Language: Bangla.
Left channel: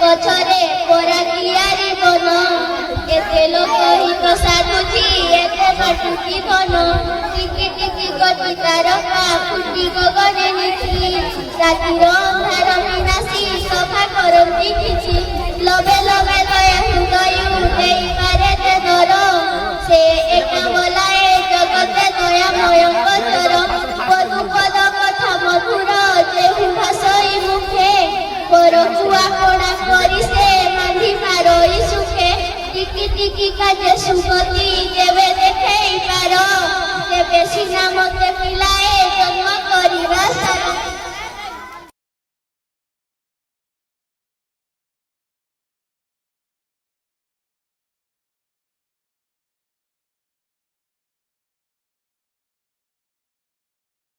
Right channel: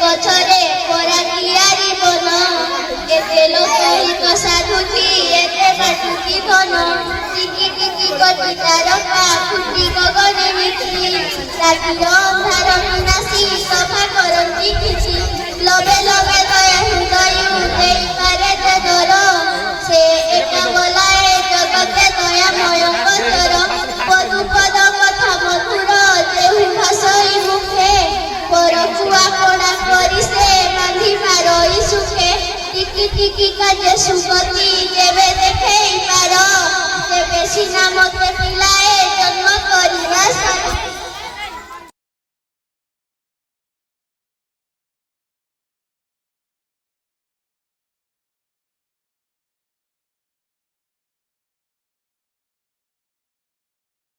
গছরে পরা কিয়ারি বন এতে লোক সাধুছি এতে কাটুছি ধন টিকি টিকি গতি তারকা ফুটি গগনে বিচি রাতির ଅନ୍ଧାର ବିନାଶୀ ସଫା କରନ୍ତି କିଛି ଲବେ ଲବେ ଦୟା ହୃଦୟ ଦେଇପାରେ ଯେ ଦର ସେ ଏକ ବୋଲାଏ ଜଗତେ ଦୟାମୟଙ୍କ ତର ପଦୁପଦ କଥା ମଧୁର ଦେହୁ ଭାଷଇ ମୁଖେ ବରଛୁଆ କଡ଼ା କରି ସେ ବାନ୍ଧି ପାରଇ ସୁଖେ ଟିକି ଟିକି କାଜେ ସୁଗତି ଯେବେ ଦେଖେଇ